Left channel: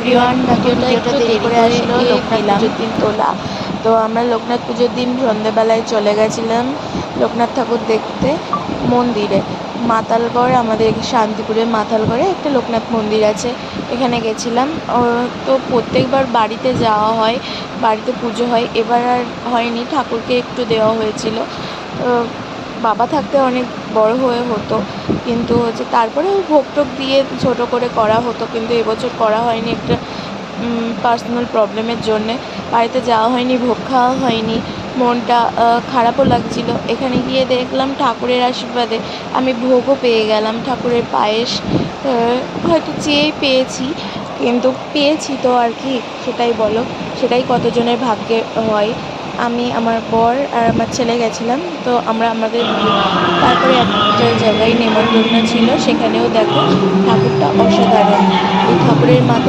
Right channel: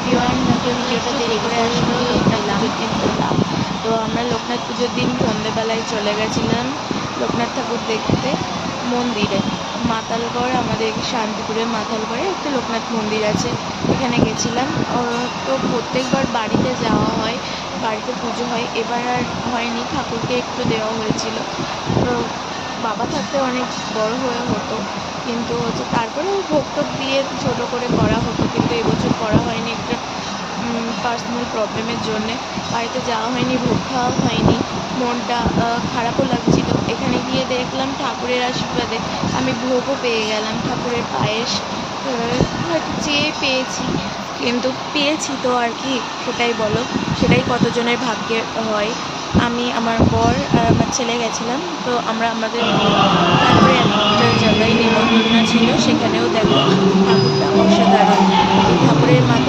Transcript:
Everyone, ভিডিওটা একটু দেরি করে আসলো। লোকনাথ পুজোর দিন তোলা। তো আমরা লোকনাথ পুজোর দিন সন্ধ্যেবেলায় চলে গেছিলাম লোকনাথ ঠাকুর দেখতে মন্দিরে। মাতালগড়, আমাদের শান্তিপুরের মাতালগড়ে একটা লোকনাথ মন্দির আছে, এখানে গেছিলাম। তো প্রত্যেকবার বাড়িতে যাওয়া হয়, বাড়িতে পুজো হয়। এবার আর হয়নি, ঠাকুরকে একটু দেওয়া হয়েছিল। বাবা থাকতে অনেক বড় হয়ে হতো, কিন্তু তারপরেও ভোগ টোগ দিয়ে ছোটো করে করা হতো, কিন্তু এবছর করা হয়নি। একটা পার্সোনাল প্রবলেমের জন্যে বাড়িতে যাওয়া হয়নি, ভোগ খাওয়া হয়নি। মনটা খারাপও লাগছিল। এখানে গিয়ে দেখলাম ঠাকুরের আশীর্বাদে আমি ভোগও পেয়ে গেলাম, ঠাকুরের পায়েস। হয়তো চেয়ে পেয়েছি, কিন্তু পেয়েছি তো আর কি, সেটাই বলো, সেটাই কতজনের ভাগ্যে হয়। আমি, আমার বর আর আমার ছেলে গেছিলাম। তো আমাদের তারপরে একটা জায়গায় নেমন্তন্ন ছিল, সেখানেও দেখো ঠাকুরটা অসাধারণ। এই ঠাকুরের মাথায়